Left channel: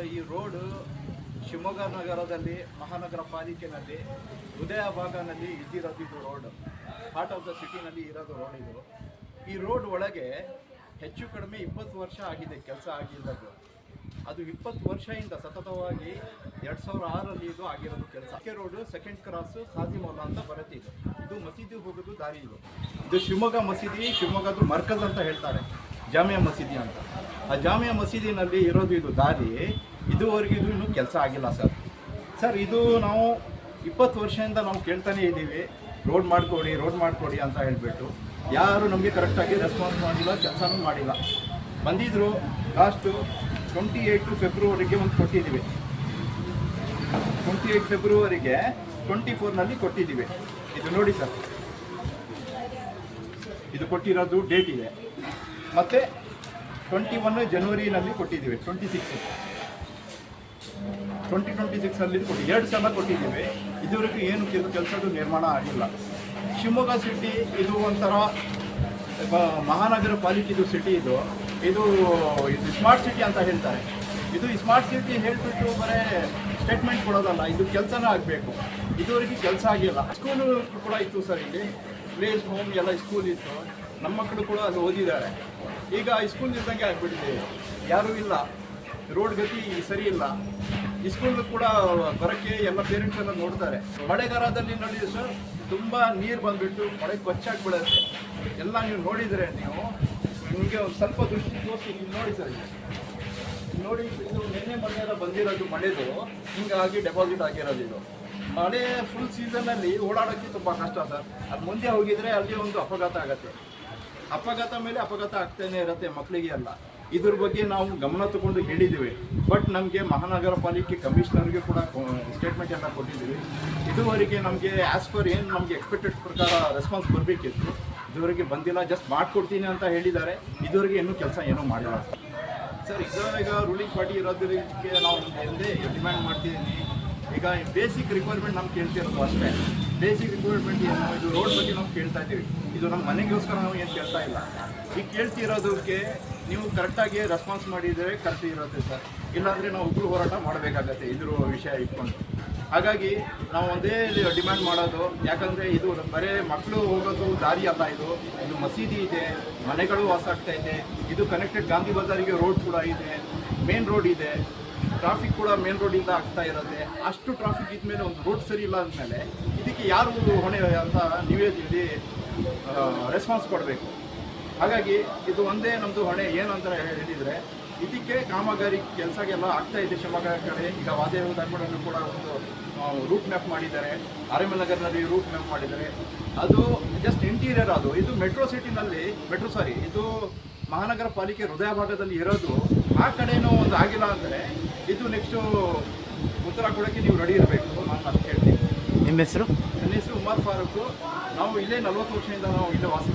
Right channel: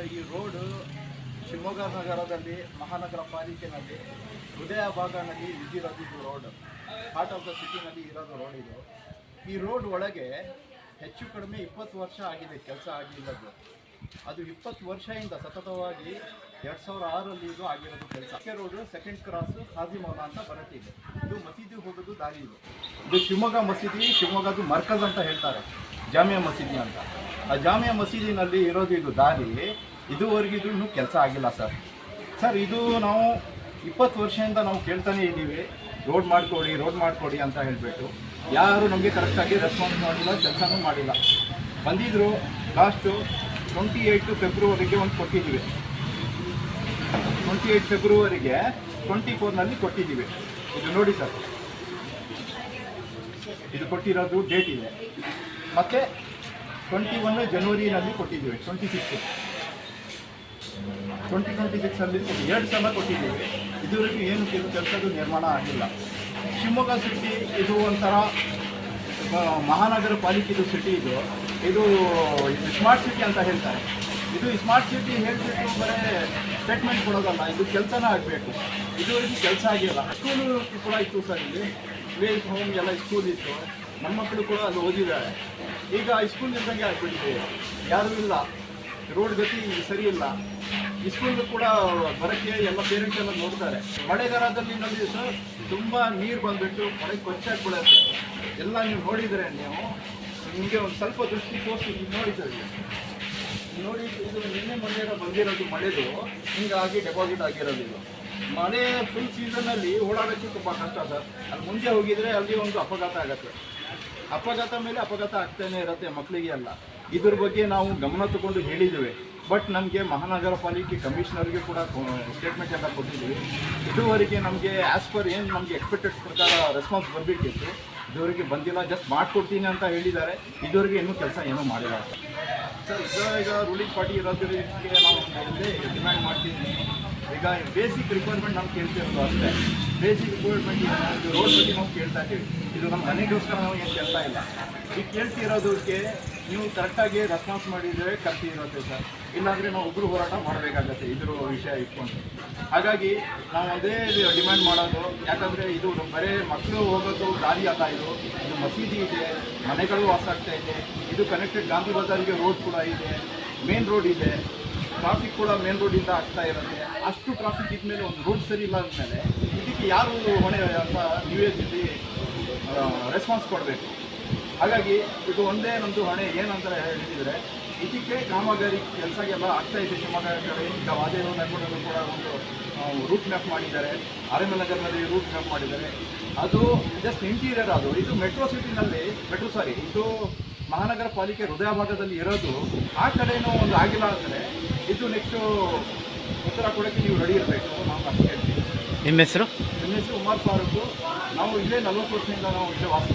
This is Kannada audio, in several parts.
ಈ ರೋಡ್ ಶಿವಮೊಗ್ಗ ನಗರದಲ್ಲಿ ಮಹಾನಗರ ಪಾಲಿಕೆಯಲ್ಲಿ ಹೃದಯ ಭಾಗದಲ್ಲಿ ಇದ್ದಿರೋದು ಇದು ರೋಡ್. ಹಾರ್ಟ್ ಆಫ್ ದ ಸಿಟಿನಲ್ಲಿ ಇರೋದು ರೋಡ್ ಇದು. ಈ ರೋಡ್ ಒಳಗೆ ಹೆಚ್ಚು ಕಡಿಮೆ 20 ವರ್ಷ ಆಗಿದೆ ಕೆಲಸ ಆಗಿಲ್ಲದು. ಅದು 20 ವರ್ಷದಿಂದ ಸತತವಾಗಿ 2006ರಲ್ಲಿ ಇದು ಆಗಿರೋದು ಕೆಲಸ. Road second cross Kazi Maula ಅಂತ ಬರುತ್ತೆ. ಇದು ಮಸೀದಿ ಹೋಗೋದು ದಾರಿ. ಇದು ಶಿವಮೊಗ್ಗ ಮಸೀದಿ, ಶಿವಮೊಗ್ಗದು ಮರ್ಕಜ್ ಅಂತ ಹೇಳ್ತಾರೆ, ಜಾಮಿಯಾ ಮಸೀದಿ ಅಂತ. ಆ ಜಾಮಿಯಾ ಮಸೀದಿನಲ್ಲಿ ಇರೋದು ಇದು ದಾರಿ. ಇದುವರೆಗೂ ಇದು ಇನ್ನೂ ಕೆಲಸ ಆಗಿಲ್ಲ ಸರ್. ಇದು ನಾವು 20 ವರ್ಷದಿಂದ ನಾವು ಕೇಳ್ತಾನೆ ಇದ್ದೀವಿ, ರೋಡ್ ಮಾಡಿಕೊಡಿ ಅಂತ ಹೇಳಿಬಿಟ್ಟು. ಯಾರು ನಮಗೆ ಕರೆಕ್ಟಾಗಿ ರೆಸ್ಪಾನ್ಸ್ ಮಾಡಿಲ್ಲ, ಕೆಲಸನೂ ಮಾಡಿಲ್ಲ. ಬಂದಿದ್ದರು ಲಾಸ್ಟು 28 ಫೆಬ್ರವರಿಗೆ ಒಂದು ಕೊಟ್ಟಿದ್ದೀವಿ. 28 ಫೆಬ್ರವರಿಗೆ 24ನಲ್ಲಿ ಕೊಟ್ಟಿದ್ದೀವಿ. ಇದು ನೋಡಿ ಸರ್, ಇದು ಕೊಟ್ಟಿರೋದು ಡೇಟ್ ಇದೆ. ಮತ್ತು 21 ಜನವರಿನಲ್ಲಿ ಕೊಟ್ಟಿದ್ದೀವಿ. 2026ಅಲ್ಲಿ 2 ಸಲ ಕೊಟ್ಟಿದ್ದೀವಿ. ಇದುವರೆಗೂ ಏನು ಕೆಲಸದ್ದು ನಿರ್ಮಾಣ ಆಗಿಲ್ಲ. ಶಿವಮೊಗ್ಗ ಸಿಟಿ ಇದು ಒಂಥರ ಮಹಾನಗರ ಪಾಲಿಕೆದು ಸಿಟಿ. ಇದು ಸ್ಮಾರ್ಟ್ ಸಿಟಿ ಅಂತ ಹೇಳ್ತಾರೆ. ಇದು ಸ್ಮಾರ್ಟ್ ಸಿಟಿ ಹೇಳಿಬಿಟ್ಟು ಬರೀ ಸ್ಟೇಟ್ಮೆಂಟ್ ಕೊಡೋದಲ್ಲ, ಇದು ಕೆಲಸನೇ ಆಗಬೇಕು. ಇದುವರೆಗೂ ಕೆಲಸ ಆಗಿಲ್ಲ. ಸ್ಕೂಲು ಕೂಡ ಇತ್ತು ಸರ್, ಇಲ್ಲಿ ಪ್ಲೇಸ್ ಹೋಮ್ ಎಲ್ಲ ಸ್ಕೂಲ್ ಇತ್ತು. ನಮ್ಮ ಮಕ್ಕಳು ಕೂಡ ಅಲ್ಲಿ ಓದಿದ್ದಾರೆ. ಈಗ ಸ್ಕೂಲ್ ಇದ್ದಂಗೆ ಆಗಿಬಿಟ್ಟಿದೆ, ಯಾರೂ ಇಲ್ಲ. ರೋಡ್ ಗತಿ ಸರಿ ಇಲ್ಲ. ಈ ಸ್ಕೂಲ್ ಕೂಡ ಬರೋಕ್ಕೆ ಎಲ್ಲ ಪೇರೆಂಟ್ಸ್ ಎಲ್ಲ ನೋಡ್ತಾರೆ. ಮಳೆಗಾಲದಲ್ಲಿ ನೋಡಿ ಸರ್, ತುಂಬ ನೀರು ಬಂದುಬಿಟ್ಟು ಮಳೆ ಕೊಚ್ಚಾಗ್ಬಿಡುತ್ತೆ. ಎಲ್ಲ ನೀವು ನೋಡಿದರೆ ನಿಮಗೆ ಒಂದು ಸ್ವಲ್ಪ ದೃಷ್ಟಿ ತೋರಿಸಿ ನೋಡಿ ಸರ್. ನೋಡಿ, ಇದು ನಿನ್ನೆ ಮೊನ್ನೆ ಬಂದಿರೋದು ಮಳೆದು ಹಿಂಗಾಗಿ ಡೆಪಾಸಿಟ್ ಆಗಿರೋದು. ಇದು ಮಳೆ ಫುಲ್ ಸೀಸನಲ್ಲಿ ಓಡಾಡೋಕ್ಕೆ ತುಂಬ ಕಷ್ಟ ಸರ್. ಅಲ್ಲಿ ಮುಂದೆ ಹೋಗಿದರೆ ಅಲ್ಲಿ ಒಂದು ಅಪಘಾತ ಆಗುತ್ತೆ. ಅಪಘಾತ ಮೇಲೆ ಅಪಘಾತ ಆಗ್ತಾನೆ ಇರುತ್ತೆ ಮಕ್ಕಳಿಗೆ ಎಲ್ಲ. ಇದ್ರ ಬಗ್ಗೆ ನಾವು ಗಮನ ತಗೊಂಡು ಹೇಳಿದ್ದೀವಿ. ಬಟ್ ನಮಗೆ ಮಹಾನಗರ ಪಾಲಿಕೆ ಕಮಿಷನರ್ಗೆ ಕೂಡ ಸ್ಟೇಟ್ಮೆಂಟ್ ಎಲ್ಲ ಕೊಟ್ಟಿದ್ದೀವಿ. ಇದುವರೆಗೆ ನಮಗೆ ಆ್ಯಸ್ ಪರ್ ಏನು ನಮಗೆ ಎಕ್ಸ್ಪೆಕ್ಟೆಡ್ ಪ್ರಕಾರ ರೆಸ್ಪಾನ್ಸ್ ಬರಬೇಕಿತ್ತು, ಇದುವರೆಗೆ ಬಂದಿಲ್ಲ. ಜಸ್ಟ್ ಮಾಡಿಕೊಡ್ತೀನಿ ಅಂತ ಹೇಳಿದ್ದಾರೆ. ಇದುವರೆಗೆ ಇನ್ನೂ ಕೆಲಸ ಏನೂ ಮಾಡಿಲ್ಲ ಸರ್. ಈಗ ರೂಲಿಂಗ್ ಪಾರ್ಟಿ ಇರೋದಕ್ಕೆ ನಾವು ಎಂದೇ ಡಿಮ್ಯಾಂಡ್ ಮಾಡ್ತಿದ್ದೀನಿ. ಈಗ ಬೇಸಿಕ್ ರಿಕ್ವೈರ್ಮೆಂಟ್ ನಾವು ಕೇಳ್ತಿರೋದು ಅಷ್ಟೇ. ಬೇಸಿಕ್ ರಿಕ್ವೈರ್ಮೆಂಟ್ ಇದು ರೋಡ್ ಬಗ್ಗೆ ನಾವು ಕೇಳ್ತಾ ಇದ್ದೀವಿ. ಇದು ನಮ್ಮ ಮನೆಗೋಸ್ಕರ ನಾವು ಏನು ಕೇಳ್ತಾ ಇಲ್ಲ. ಈಗ ಕೇಳ್ತಿರೋದಕ್ಕೆ ನೀವು ಕರೆಕ್ಟಾಗಿ ರೆಸ್ಪಾನ್ಸ್ ಮಾಡಿದರೆ ಕರೆಕ್ಟ್ ಇರುತ್ತೆ ಸರ್. ಇಲ್ಲಾಂದರೆ ನಾವು ಉಗ್ರ ಹೋರಾಟ ಮಾಡಬೇಕಾಗತ್ತೆ ಇದ್ರ ವಿಷಯ ಇಟ್ಕೊಂಡು. ಹಾಗಾಗಿ ನಾವು ಒಂದೇ ಡಿಮ್ಯಾಂಡ್ ಮಾಡೋದು, ಯಾಕಂದರೆ ಇದು ಬರೀ ಮಕ್ಕಳು ಹೋಗೋದು ದಾರಿ ಅಲ್ಲ. ಇದು ಮಸೀದಿ ಇದೆ, ಮನೆಗಳು ವಾಸ ಆಗ್ತಾ ಇದೆ. ಇದು ಕನೆಕ್ಟೆಡ್ ಗಾಂಧಿ ಬಜಾರಿಗೆ ರೋಡ್ ಕೂಡ ಇದೆ, ಮೇನ್ ರೋಡ್ ಇದೆ. ಟ್ರಾಫಿಕ್ ಕೂಡ ಮೇನ್ ರೋಡಿಂದ ಆಗ್ತಾ ಇರುತ್ತೆ. ಅಷ್ಟು ಟ್ರಾಫಿಕ್ ಇದ್ಮೇಲೆ ಒಂದು ರೋಡ್ ಸರಿ ಇಲ್ಲ ಅಂದಮೇಲೆ ಇದಕ್ಕೆ ಯಾರು ಹೊಣೆ ಅಂತ ನೀವೇ ಇಲ್ಲಿ ರೆಸ್ಪಾನ್ಸ್ ಕೊಡಬೇಕು. ಹಾಗಾಗಿ ಇದು ಒಂದೇ ನಮ್ಮದು ಹೊಣೆ. ಏನಂತ ಹೇಳಿದರೆ, ಇದಕ್ಕೆ ಕಾಮಗಾರಿ ಕೆಲಸಗೆಲ್ಲ ಆಗ್ತಾಯಿದೆ ಶಿವಮೊಗ್ಗ ಕಡೆ. ಈಗ ವಾದೇವದಲ್ಲೂ ಕೂಡ ಒಂದು ರೂಟ್ ಮ್ಯಾಪ್ ಮಾಡಿದ್ದಾರೆ. ಆರ್ಎಂಎಲ್ ರೂಟ್ ಮ್ಯಾಪ್ ಮಾಡಿದ್ದಾರೆ. ಅದು ಜಸ್ಟ್ ಇಂಟೀರಿಯರ್. ಇದು ಮೆಟ್ರೋ ಸಿಟಿನಲ್ಲಿ ಇದು ಮಹಾನಗರ ಪಾಲಿಕೆ ಹೃದಯ ಭಾಗದಲ್ಲಿ ಇರೋದು. ಆ ಕಡೆನೂ ಒಂದು ಆಗಿಲ್ಲ ಅಂದರೆ ಇದು ನೆಕ್ಸ್ಟು ಉತ್ತರ ಕೊಡೋಕ್ಕೆ ನೀವು ರೆಡಿ ಇರಬೇಕು. ನಾವು ಅಷ್ಟು ಹೇಳ್ತೀವಿ. ನಿಮ್ಮ ಹೆಸರು? ನನ್ನ ಹೆಸರು ಉಮರ್ ಫಾರೂಕ್. ನಾವು ಇಲ್ಲೇ 40 ವರ್ಷದಿಂದ ನಾವು ಇಲ್ಲೇ ವಾಸ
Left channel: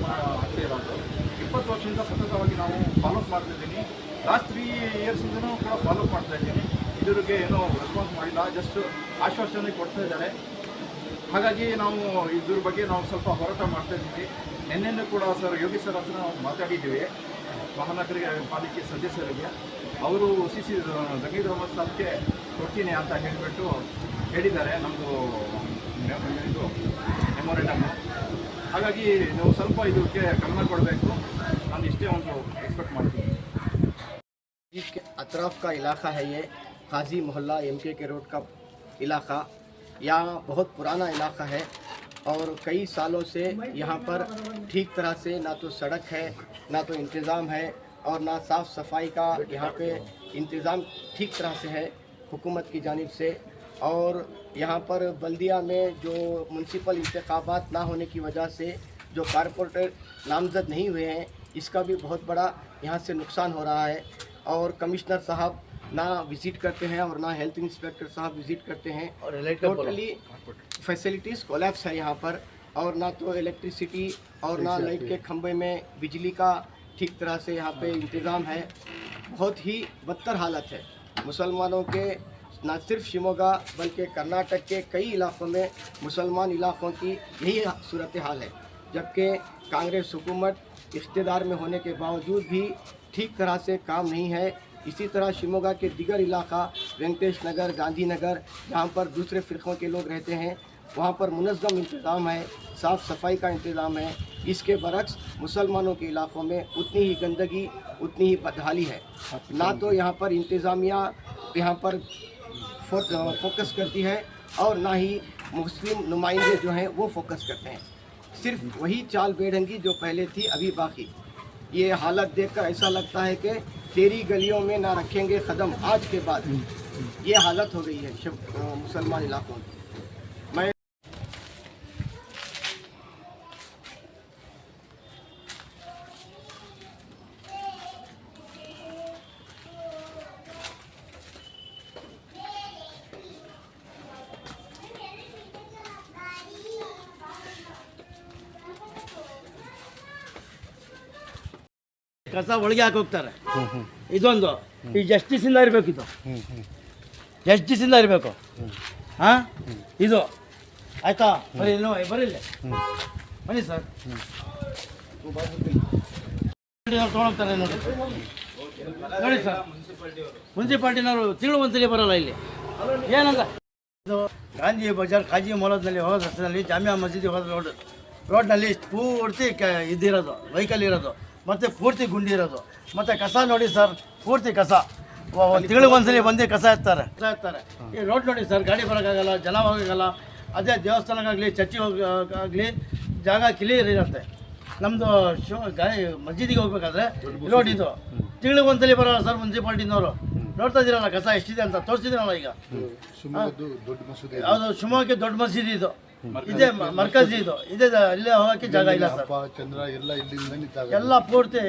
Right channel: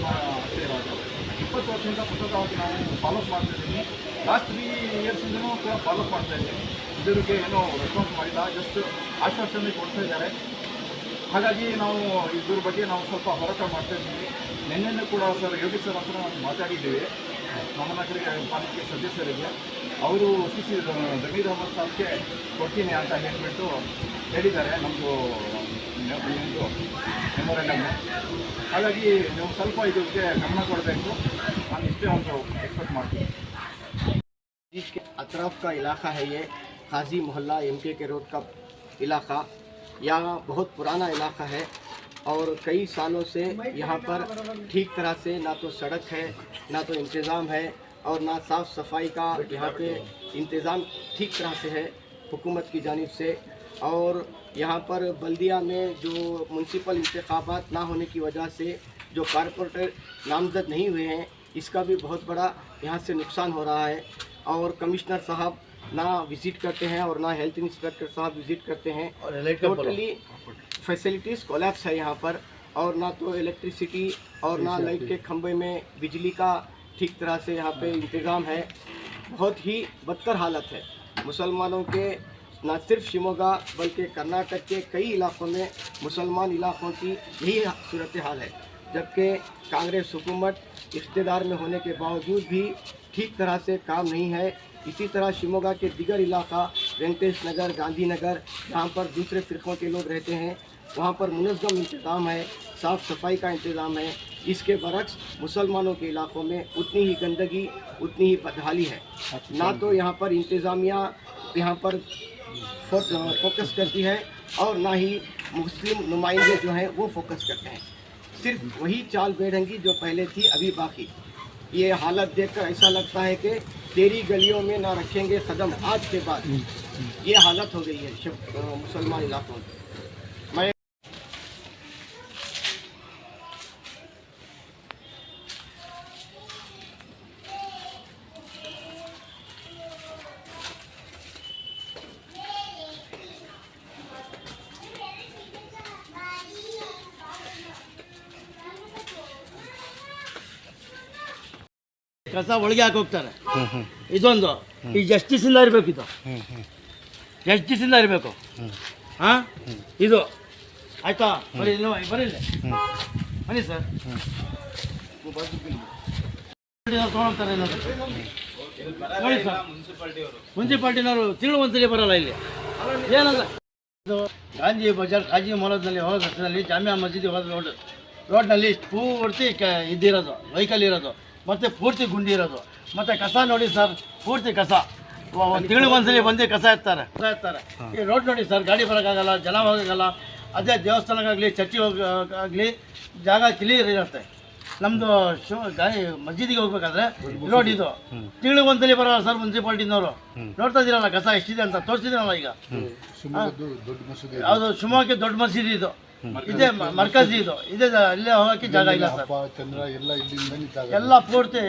ಆಗ್ತಾ ಇರೋದು. 20 ವರ್ಷದಿಂದ ಸತತವಾಗಿ ನಾವು ಫಾಲೋಅಪ್ ಮಾಡ್ತಾಯಿದ್ದೀನಿ. ಲಾಸ್ಟ್ 3 ಇಯರ್ಸಿಂದನೂ ಕೂಡ ಫಾಲೋಅಪ್ ಮಾಡ್ತಾಯಿದ್ದೀನಿ. ಇದ್ರಿಗೆ ಏನೋ ರೆಸ್ಪಾನ್ಸ್ ಮಾಡಿಲ್ಲ, ಜಸ್ಟ್ ಆಶ್ವಾಸನೆ ಕೊಡ್ತಾ ಇದ್ದಾರೆ. ಹಾಗಾಗಿ ನಾವು ಇದ್ರ ಬಗ್ಗೆ ನಾವು ಸ್ವಲ್ಪ ಹೋರಾಟ ಮಾಡ್ತಾಯಿದ್ದೀವಿ. ನಿನ್ನೆನೂ ಕೂಡ ಸರ್ ಯೋಗಿ ಸರ್ ಹತ್ರ ನಾವು ಮಾತಾಡಿದ್ದೀವಿ, ಮಹಾನಗರ ಪಾಲಿಕೆ ಸದಸ್ಯರಿಗೆ. ಅವರು CC ಜಮೀರ್ ಅಹಮದ್ ಸಾಬ್ಗೆ ಕೊಡ್ತೀನಿ ಅಂತ ಹೇಳಿಬಿಟ್ಟು ಹೇಳಿದ್ದಾರೆ, ನಮ್ಮದು ಇದು ಮೆಮೊರೆಂಡಮ್ಮು. ಹಾಗಾಗಿ ನೀವು ಸ್ವಲ್ಪ ಇದಕ್ಕೆ ಗಮನ ಕೊಡಬೇಕು. ನಾನು ಇಷ್ಟೇ ಒಂದು ಎಕ್ಸ್ಪೆಕ್ಟ್ ಮಾಡ್ತೀನಿ. इसके अतराफ़ का इलाका है ये खाजी मोहल्ला MK के रोड का इलाका। यहाँ बहुत पुराना इलाका है और कई सालों से यहाँ पर ठीक तरह से ना तो सड़क है, ना तो इंतज़ाम है और ना साफ़ सफाई का यहाँ पे इंतज़ाम ठीक तरह से है हुकूमत की जानिब से। और यहाँ पर बल्दिया में जो म्यूनसिपल इंतखाबात ना होने की वजह से जो कारपोरेटर नामज़द नहीं हुए हैं, इसका भी बहुत बड़ा यहाँ से नुकसान हो रहा है। और कमिश्नर साहब ना विज़िट करते हैं और ना हेल्थ इंस्पेक्टर साहब विज़िट करते हैं। टोटली फैसिलिटीज़ कोलैप्स है यहाँ पर। और ना तो इलेक्ट्रिसिटी और ना लाइट के खंभे में बिजली का ठीक तरह से यहाँ पे इंतज़ाम है। बहुत ही बदतर हालत है। मुसलमानों के न सिर्फ शिवमोगा बल्कि कर्नाटक के कई इलाक़ों में मुसलमान इलाक़ों की यही सूरत हाल है। जबकि कांग्रेस हुकूमत इक़्तिदार में होने के बावजूद भी ठीक तरह से काम नहीं है। इसी तरह शिमोगा के दिगर इलाका वेंकटेश नगर, गांधीनगर, जहाँ पर दूसरे फ़िरक़ों के लोग रहते हैं, वहाँ पर मुनज़्ज़म इंतज़ाम है, साफ़ सफाई का इंतज़ाम है। इसके बरक्स मुसलमानों के इलाकों में उतनी ही गंदगी, उतनी ही बदहाली है। ना तो यहाँ पर इंतज़ामिया यहाँ पर फोकस करती है और ना ही मुस्लिम नुमाइंदे जो हैं वो फोकस करते हैं। सिर्फ वही चाल बेढंगी जो पहले थी अभी बाकी। ये हालत देखकर ऐसा लगता है कि तेरी गलियों में ना रखेंगे कदम आज के बाद, ये हालत हो गई है मुसलमान इलाकों में। मैं ಕಸ ಒಳಗೆ ಹಾಕಿ ಹೋಗ್ತಾರೆ. ಇದೊಂದು ಈ ಜಸ್ಟಿಸಿಂದ ಇರಬೇಕಿತ್ತು, ಜಸ್ಟಿಸಿಂದ ಇರಬೇಕು. ಹಾಂ, ಇದು ಆಯ್ತಾ? ಬರೀ ಬರೀಲ್ಲ ಬನ್ನಿ ಸರ್, ತೊಗೊಳ್ತಾರೆ ನೋಡಿ. ನೋಡಿ ಸರ್, ಮುನ್ಸಿಪಾಲ್ಟಿನವರು ತಿಂಗಳು ಒಂದ್ಸಲಿ ಬರಲ್ಲ ಇಲ್ಲಿ. ಏನಂತ ಇದು ಗಾಂಧಿ ಬಜಾರ್ ಖಾಜಿ ಮೊಹಲ್ಲದಲ್ಲಿ ಹೋದ ರಸ್ತೆಯಲ್ಲಿ ಜಾಮಿಯಾ ಮಸೀದಿ ಹೋದ ರೋಡ್ನಲ್ಲಿ ಪೂರ್ತಿ ಇದಿರೋದು, ವೆಹಿಕಲ್ ಇರೋದು, ಮತ್ತು ಪೂರ್ತಿ ಗುಂಡಿ ಇರೋದು, ಮತ್ತು ಕಸ ನೋಡಿ ಸರ್, ಪೂರ್ತಿ ಕಸ. ತಿಂಗಳಿಗೆ ಒಂದ್ಸಲಿ ಬಂದು ಕಸ ಎತ್ತಾರೆ. ಈ ರೋಡ್ ನೋಡಿ ಸರ್, ಗಾಡಿ ಬರೋಕ್ಕಾಗಲ್ಲ, ಜನ ಹೋಗೋಕ್ಕಾಗಲ್ಲ. ಅದೇ ದೇವಸ್ಥಾನಕ್ಕಾಗಲಿ ಚರ್ಚಿಗೆ ಹೋಗೋಕ್ಕಾಗಲಿ ಜಾಗ ಕ್ಲಿಯರ್ ಇರುತ್ತೆ. ನಮ್ಮದು ಮಸ್ಜಿದಿಗೆ ಹೋಗ್ಬೇಕಾದ್ರೆ ರೋಡ್ ಇದು ತಿಂಗಳಿಗೆ ಒಂದ್ಸಲಿ ಬರೋಲ್ಲ ಸರ್ ಮುನ್ಸಿಪಾಲ್ಟಿನವರು. ನೋಡ್ತಾ ಇದ್ದೀರಲ್ಲ ಕಸ ಎಷ್ಟಿದೆ ಅಂತ ತೋರಿಸಿದ್ದೀರಲ್ಲ ಈಗ. ಯಾವುದು ಶಿವಮೊಗ್ಗಕ್ಕೆ ದೊಡ್ಡ ಮಸೀದಿ ಇದು, ಇದೇ ಮರ್ಕಜಿ ಇದು, ಇದೇ ಇಲ್ಲೇ ಹೋಗೋಕ್ಕೆ ಜಾಗ ಇಲ್ಲ ಸರ್. ಎಲ್ಲ ಪೂರ್ತಿ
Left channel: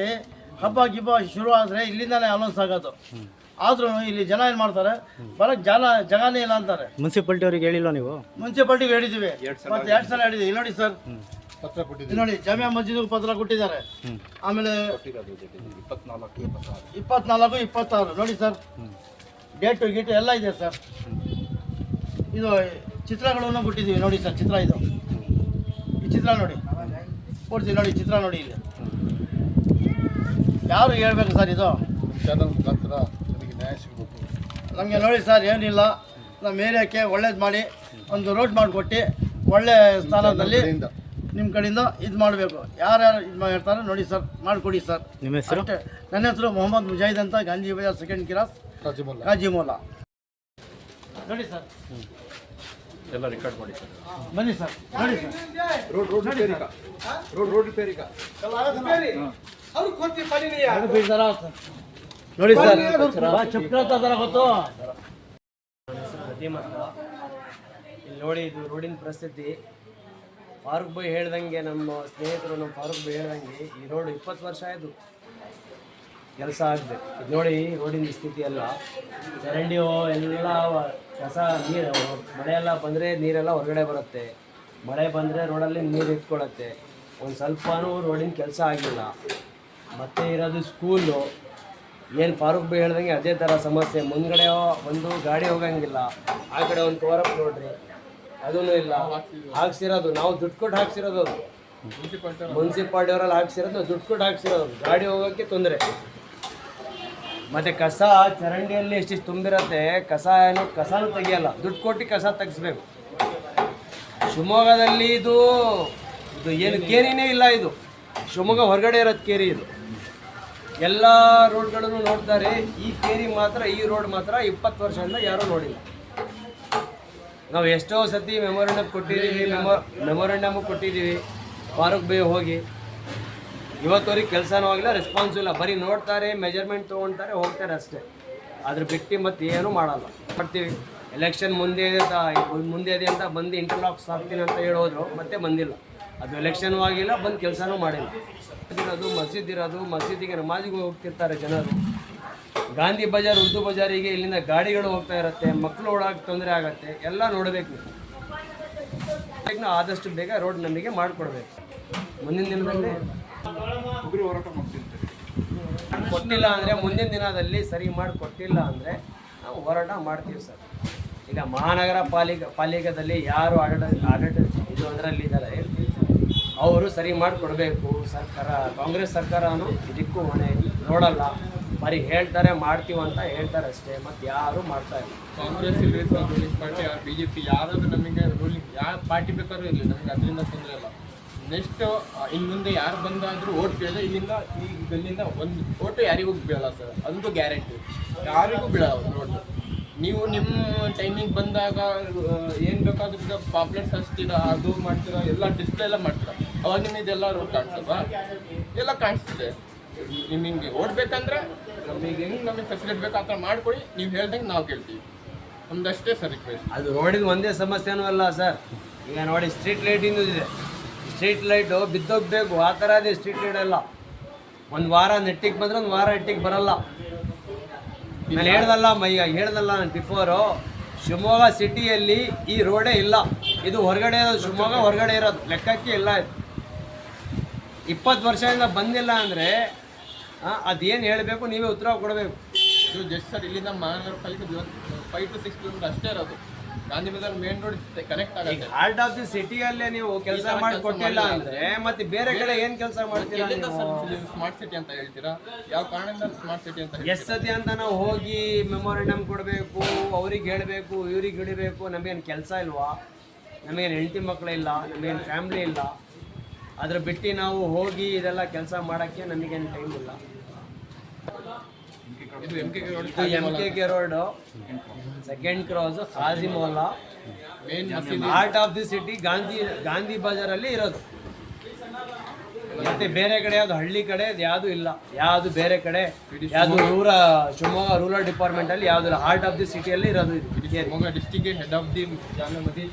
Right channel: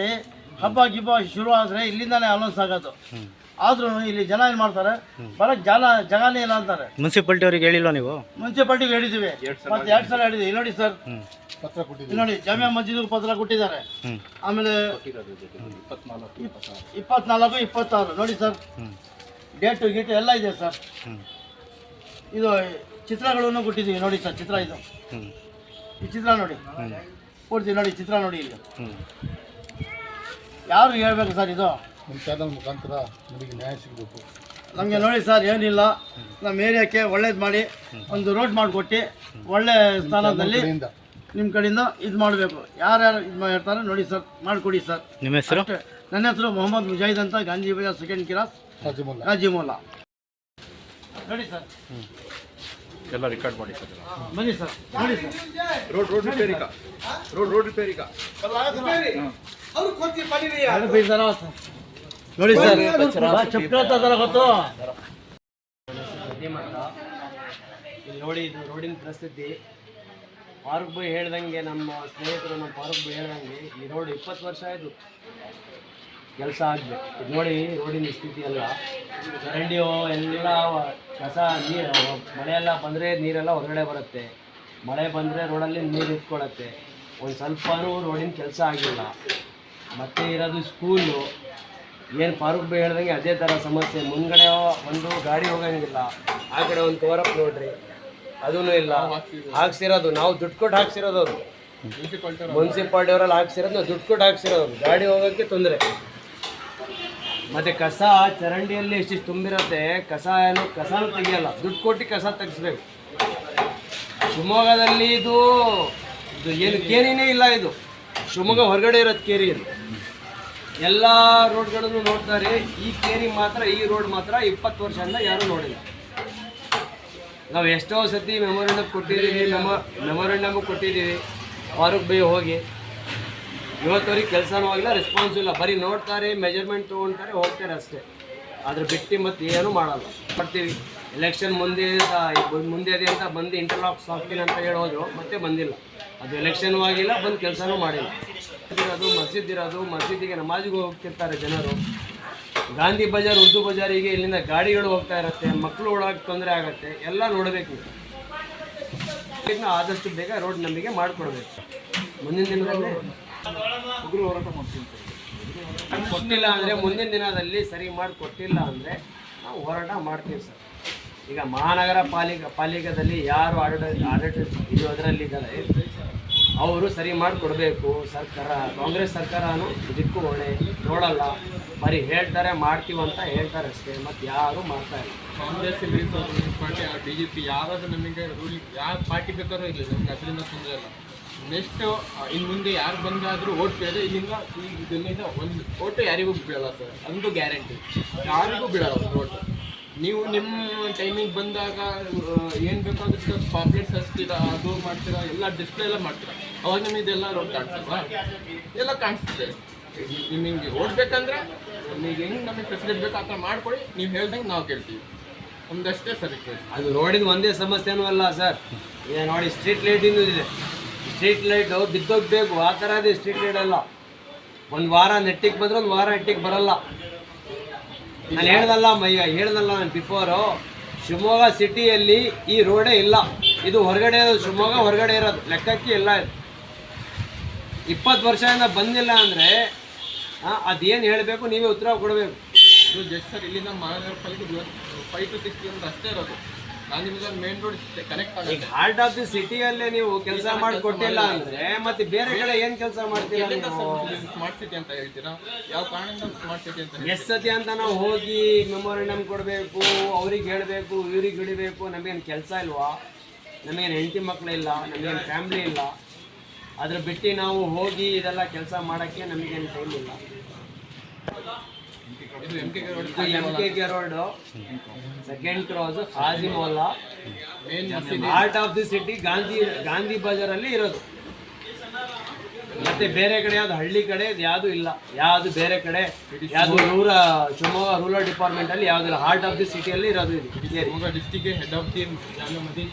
ಹಬ್ಬ ಗಿಬ್ಬ ಶುರು ಆದರೆ ಇಲ್ಲಿಂದಾನೇ ಅನೌನ್ಸ್ ಆಗೋದು. ಆದ್ರೂ ಇಲ್ಲಿ ಜನ ಏನು ಮಾಡ್ತಾರೆ, ಬರೋಕ್ಕೆ ಜಾಗನೇ ಇಲ್ಲ ಅಂತಾರೆ. ಮುನ್ಸಿಪಾಲ್ಟಿ ಅವ್ರಿಗೆ ಹೇಳಿಲ್ವ ನೀವು? ಮುನ್ಸಿಪಾಲ್ಟಿಗೆ ಹೇಳಿದ್ದೀವಿ, ಮತ್ತೆ 2 ಸಲ ಹೇಳಿದ್ದೀವಿ. ನೋಡಿ ಸರ್, ಪತ್ರ ಕೊಟ್ಟಿದ್ದೀವಿ ನೋಡಿ, ಜಾಮಿಯಾ ಮಸ್ಜಿದ್ಗೆ ಪತ್ರ ಕೊಟ್ಟಿದ್ದಾರೆ. ಆಮೇಲೆ 24, 26 ನೋಡಿ ಸರ್, ಡೇಟು ಗೀಟು ಎಲ್ಲ ಇದೆ ಸರ್. ಇದು ಚಿತ್ರಗಳನ್ನು ಕೊಟ್ಟಿದ್ದೀವಿ ನೋಡಿ ಸರ್, ಚಿತ್ರ ಇದು, ಈ ಚಿತ್ರ ನೋಡಿ ಕೊಡ್ತೀವಿ ನೋಡಿ, ಚಿತ್ರ ನೋಡಿ. ಇಲ್ಲಿ ಯಾರು ಹೇಳ್ಬೇಕು ಸರ್, ಇದು ಚಾನಲ್ ಮುಖಾಂತರ ನಮಗೆ ನ್ಯಾಯ ಸಿಗಬೇಕು. ನಮಗೆ ನೋಡಿ ಸರ್, ಏನಿಲ್ಲ, ನಮ್ಮ ಏರಿಯಾಕ್ಕೆ ಒಳ್ಳೇದು ಮಾಡಿ ಒಂದು ರೋಡ್ ಮಾಡಿಕೊಟ್ಟು ಒಳ್ಳೆ ಸ್ಥಾನದಲ್ಲಿ ನಿಮ್ಮ ಕಡೆಯಿಂದ ಇದು ಮಾಡಬೇಕು. ಯಾರ್ಯಾರು ಇದು ಮಾಡ್ತಾರೆ ನೋಡಿ ಸರ್, ಮಾಡಿಕೊಡಿ ಸರ್. ನಿಮ್ಮ ಹೆಸರು? ನನ್ನ ಹೆಸರು ಮೊಹಮ್ಮದ್ ಮುಜಾಹಿದ್ ಅಂತ, ಗಾಂಧಿ ಬಜಾರ್ ಸೆಕೆಂಡ್ ಕ್ರಾಸ್, ಕಾಜಿಮೋಲಾ. ನೋಡಿ ಸರ್, ಎಲ್ಲ ರೆಕಾರ್ಡ್ ಮಾಡಿ ಸರ್. ಬನ್ನಿ ಸರ್, ನೋಡಿ ಸರ್, ರೋಡ್ ರಿಪೇರಿಗ ನೋಡಿ ಸರ್, ಚಪ್ಪ ಗೊತ್ತು. ಇಲ್ಲಿ ನೋಡಿ, ಇದು ರೋಡಿನ ಪರಿಸ್ಥಿತಿ. ಫಾರೂಕ್ ಭಾಯ್ ಹೇಳ್ದಂಗೆ, ನಮ್ಮ ಸ್ನೇಹಿತರು ನಮ್ಮ ಫಾರೂಕ್ ಭಾಯ್ ಹೇಳ್ದಂಗೆ, ಈ ರೋಡ್ 20 ವರ್ಷ ಆಯಿತು ಕೆಲಸ ಆಗಬೇಕು. ಇದು ನೋಡಿ ರೋಡಿನ ಸ್ಥಿತಿ ಎಲ್ಲ, ಚರಂಡಿ ಎಲ್ಲ ಕಸ, ನೀರು, ಮಳೆಯೆಲ್ಲ ಬಂದರೆ ನೀರೆಲ್ಲ ಹೊರಗಡೆ ಬರುತ್ತೆ, ಮಳೆ ಬಂದರೆ ರೋಡಲ್ಲಿ ನೀರು ಇಟ್ಕೊಳ್ಳುತ್ತೆ. ಒಂದು ಸ್ವಲ್ಪನೂ ರೋಡಿನ ಕೆಲಸ ಆಗಿಲ್ಲ. ಮತ್ತು ಇರೋದು ಸ್ಕೂಲು, ಏನು ಫಾರೂಕ್ ಭಾಯ್ ಹೇಳ್ದಂಗೆ ಅದೇ ಥರ ಸಮಸ್ಯೆ. ಮುಂದ್ಗಡೆ ಒಂದು ಗಾಡಿ ಹೋಗಂಗಿಲ್ಲ, ಆ ಕಡೆ ಒಂದು ಕವರಪ್ ನೋಡ್ರಿ, ಅದೂ ಇಲ್ಲ. ಹಾಕ್ಸಿರೋದು ನಾವು ದುಡ್ಡು ಕೊಟ್ಟು ಹಾಕ್ಸಿರೋದು, ಅವರು ಮುನ್ಸಿಪಾಲ್ಟಿ ಅವರಲ್ಲಿ ಹಾಕ್ಸಿರೋದು ನಾವು ದುಡ್ಡು ಕೊಟ್ಟು ಹಾಕ್ಸಿರೋದು. ಗಾಡಿ ಹೋಗೋಕ್ಕೆ ತೊಂದರೆ. ಮತ್ತು ಕಸ ಚರಂಡಿಯಲ್ಲಿ ಎಷ್ಟಿಷ್ಟು ತುಂಬಿರುತ್ತೆ, ಕಸನೂ ತೆಗಿಯಲ್ಲ, ದುಡ್ಡು ಕೊಟ್ಟು ಕಸ ತೆಗಿಸ್ಬೇಕು. ಶಿವಮೊಗ್ಗದಲ್ಲಿ ಇದು ಏನು ಕೇರಿನೇ ಇಲ್ಲ. ಇದು ಶಿವಮೊಗ್ಗ ಹೊರಗಡೆ ಇರೋದು ಕೇರಿ. ಇದು ಎಲ್ಲ ರೋಡ್ಗಳನ್ನು ನೋಡ್ತಾರೆ, ಈ ಕೇರಿ ಮಾತ್ರ, ಈ ರೋಡ್ ಮಾತ್ರ 20 ವರ್ಷದಿಂದ ಯಾರೂ ನೋಡಿಲ್ಲ. ನಾವು ಎಷ್ಟೋ ಸತಿ ಮೆಮೊರಂಡಮ್ ಕೊಟ್ಟಿದ್ದೀವಿ ಫಾರೂಕ್ ಭಾಯ್ ಹೋಗಿ. ಇವತ್ತವರೆಗೆ ಕೆಲಸನೂ ಆಗಿಲ್ಲ, ರೆಸ್ಪಾನ್ಸು ಇಲ್ಲ. ಬರೀ ನೋಡ್ತಾರೆ, ಮೆಜರ್ಮೆಂಟ್ ತೊಗೊಳ್ತಾರೆ, ಹೋಗ್ತಾರೆ ಅಷ್ಟೇ. ಅದ್ರ ಬಿಟ್ಟು ಮತ್ತೆ ಏನೂ ಮಾಡಲ್ಲ. ಮಾಡ್ತೀವಿ ಎಲೆಕ್ಷನ್ ಮುಂದೆ ಇದೆ ಅಂತ ಬಂದು ಇಂಟರ್ಲಾಕ್ಸ್ ಹಾಕ್ತೀನಿ ಅಂತ ಹೇಳೋದ್ರು, ಮತ್ತೆ ಬಂದಿಲ್ಲ. ಅದು ಎಲೆಕ್ಷನೂ ಆಗಿಲ್ಲ, ಬಂದು ಕೆಲಸನೂ ಮಾಡಿಲ್ಲ. ಮಸ್ಜಿದ್ ಇರೋದು, ಮಸ್ಜಿದಿಗೆ ನಮಾಜಿಗೆ ಹೋಗ್ತಿರ್ತಾರೆ ಜನರು. ಗಾಂಧಿ ಬಜಾರ್, ಉರ್ದು ಬಜಾರಿಗೆ ಇಲ್ಲಿಂದ ಗಾಡಿಗಳು ಹೋಗ್ತಾ ಇರುತ್ತೆ, ಮಕ್ಕಳು ಓಡಾಕ ತೊಂದರೆ ಆಗುತ್ತೆ. ಎಲ್ಲ ನೋಡಬೇಕು. ಆದಷ್ಟು ಬೇಗ ರೋಡ್ ನಮಗೆ ಮಾಡಿಕೊಡ್ಬೇಕು. ಮುಂದಿನ ದಿನದಲ್ಲಿ ಕೊಟ್ಟಿಲ್ಲ ಅಂದರೆ, ಮುಂದಿನ ದಿನದಲ್ಲಿ ಸರಿ ಮಾಡಿಕೊಟ್ಟಿಲ್ಲ ಅಂದರೆ ನಾವು ಹೋರಾಟ ಮಾಡ್ತೀವಿ ಸರ್. ಈಗ ಮಹಾನಗರ ಪಾಲಿಕೆಯಲ್ಲಿ ಯಾರು ಆಡಳಿತ ಇದು ಅದರಲ್ಲಿದ್ದಾರೆ, ಅವರು ಸರಿ ಮಾಡಿಕೊಡ್ಬೇಕು. ಸರ್ಕಾರ, ಕಾಂಗ್ರೆಸ್ ಸರ್ಕಾರನೂ ಇದಕ್ಕೂ ಹೊಣೆ ನೋಡಲ್ಲ. ಬರೀ ಹೇಳ್ತಾರೆ ಮಾಡ್ತೀವಿ ಅಂತ ಹೇಳ್ತಾರೆ ಅಷ್ಟೇ, ಮತ್ತು ಯಾರೂ ಮಾಡ್ತಾ ಇಲ್ಲ. ಕಾಂಗ್ರೆಸ್ ಇರಲಿ Congress party B J P ಯಾರಾದ್ರೂ ನಮಗೆ ರೂಲಿಂಗ್ ಯಾವ ಪಾರ್ಟಿ ಬೇಕಾದ್ರೂ ಇರಲಿ, ನಮ್ಗೆ ಅದರಿಂದ ತೊಂದರೆ ಇಲ್ಲ. ನೆಕ್ಸ್ಟ್ ಇನ್ನು ಮುಂದೆ ಯಾರು ಬಂದಾದರೂ ಓಟ್ ಬೇಡ, ಇಲ್ಲಿಂದ ಇದರಿಂದ ಒಂದು ಓಟು ಯಾರಿಗೂ ಬೀಳಲ್ಲ ಸರ್, ಅಂತೂ ಗ್ಯಾರಂಟಿ. ಯಾರಿಗೂ ಬೀಳಲ್ಲ ಓಟು. ನೀವು ನಿಮ್ಮ ಟೈಮಿಂಗ್ ಬಂದಾಗ ಏನು ಬೇಕಾದ್ರೂ ಪಾಪ್ಲೆಟ್ಸ್ ಹಚ್ತೀರಾ, ಅದು ಮಾಡ್ತೀರಾ, ಎಲ್ಲ ಡಿಸ್ಪ್ಲೇ ಎಲ್ಲ ಮಾಡ್ತೀರಾ, ಅವಾಗ ನಿಮಗೆ ಇದೆಲ್ಲ ರೋಡ್ ಕಾಣಿಸ್ತಲ್ವಾ? ಎಲ್ಲ ಕಾಣಿಸ್ತದೆ. ನಿಮಗೆ ಓಡ್ಬೇಕಂದ್ರೆ ನಮಗೆ ಹೆಂಗೆ ನಮಗೆ ಫೆಸಿಲಿಟಿ ಬೇಕು ಆ ಥರ ಮಾಡ್ಕೊಳ್ಳಿ, ನೀವು ಹೇಳ್ದಂಗೆ ನಾವು ಕೇಳ್ತೀವಿ. ನಮ್ದು ಅಷ್ಟೇ ಸರ್ ರಿಕ್ವೆಸ್ಟ್. ಅದು ರೋಡಿನ ಒಂದೇ ಸಮಸ್ಯೆನೂ ಅಲ್ಲ ಸರ್, ಈಗ ನೋಡಿ ಸ್ಟ್ರೀಟ್ ಲೈಟಿಂದು ಇದೆ. ಸ್ಟ್ರೀಟ್ ಲೈಟು ಬಿದ್ದೋಗ್ಬೇಕು ಆ ಥರ ಇದೆ ಸ್ಟ್ರೀಟ್ ಲೈಟ್ ಎಲ್ಲ. ಒಂದು ವಾರ ನೆಟ್ಟಿಗೆ ಬಂದರೆ ಒಂದು ವಾರ ನೆಟ್ಟಿಗೆ ಬರಲ್ಲ. ನಾನು ಹೇಳ್ದಲ್ಲ ನಾನು ಬಿಫೋರು, ಶಿವಮೊಗ್ಗ ಸಿಟಿಯಲ್ಲಿ ಈ ರೋಡೇ ಇಲ್ಲ. ಇದು ಹೊರಗಡೆ ಇರೋದು, ಶಿವಮೊಗ್ಗ ಹೊರಗಡೆ ಇರೋದು, ಲೆಕ್ಕಕ್ಕೆ ಇಲ್ಲ ಇದು. 20 ವರ್ಷದಿಂದ ಬಂದಿಲ್ಲ ಅಂದರೆ ಅದೇನು ಹೇಳಬೇಕು, ನೀವೇ ಉತ್ತರ ಕೊಡಬೇಕು. ಇದು ಜಸ್ಟ್ ಸರ್ ಇಲ್ಲಿಂದ ಮಹಾನಗರ ಪಾಲಿಕೆ 5 to 6 ಕಿಲೋಮೀಟರ್ ಅಷ್ಟೇ ಇರೋದು. Gandhi Bazaar main road connect ಈಗ ಆಗುತ್ತೆ. ಹಾರ್ಟ್ ಆಫ್ ದಿ ಸಿಟಿಯಲ್ಲೇ ನೀವು ಕೆಲಸ ಮಾಡಿಕೊಟ್ಟಿಲ್ಲ ಅಂದರೆ ಮತ್ತೆ ಬೇರೆ ಕಡೆ ಏನು ಕೆಲಸ ಮಾಡ್ತೀರಾ ನೀವು? ಸ್ಮಾರ್ಟ್ ಸಿಟಿ ಅಂತ ಹೇಳ್ತೀರಾ, ಯಾವ ಕಾರಣದಿಂದ ಸ್ಮಾರ್ಟ್ ಸಿಟಿ ಅಂತ ಹೇಳ್ತೀರಾ? ಎಷ್ಟು ಸತಿ ಅಂತ ನಾವು ಹೋಗಿ ಮೆಮೊರಂಡಮ್ ಕೊಡಬೇಕು, ಅವ್ರಿಗೆ ಹೇಳಬೇಕು, ಇವ್ರಿಗೆ ಹಿಡಿಬೇಕು. ನಮಗೇನು ಕೆಲಸ ಇಲ್ವಾ? ನಮಗೇನು ಹೆಂಡತಿ ಮಕ್ಕಳಿಲ್ಲ, ನಮಗೇನು ಫ್ಯಾಮ್ಲಿ ಇಲ್ಲ. ಅದ್ರ ಬಿಟ್ಟು ನಾವು ಹೋಗಿ ಇದೆಲ್ಲ ಕೆಲಸ ಮಾಡೋಕ್ಕೆ ನಮಗೇನು ಟೈಮ್ ಇಲ್ಲ. ಇದು MKK road MKK road, second cross, Khaji Mohalla, main heart of the city Gandhi ಬಜಾರಲ್ಲಿ ಇರೋದು. ಮತ್ತೆ ಬೇರೆ ಕಡೆ ಯಾವುದು ಹಳ್ಳಿ ಕಡೆ ಯಾವುದು ಇಲ್ಲ, ಯಾವುದು ಬೇರೆ ಕಡೆ ಯಾವುದು ಶಿವಮೊಗ್ಗ ರೂರಲ್ ಡಿಪಾರ್ಟ್ಮೆಂಟಲ್ಲಿ ಯಾವುದು ಇಲ್ಲ. ಹಾರ್ಟ್ ಆಫ್ ದಿ ಸಿಟಿಯಲ್ಲಿ ಇರೋದು ಇದು. ಶಿವಮೊಗ್ಗ ಡಿಸ್ಟಿಕ್ಗೆ ಹೆಡ್ ಆಫ್ ದಿ ಜಾಲ ನದಿ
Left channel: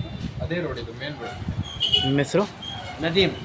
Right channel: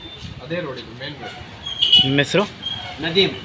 ಅದೇ ರೋಡ್, ಇದು ಮೇನ್ ರೋಡ್. ನಿಮ್ಮ ಹೆಸರು? ನದೀಮ್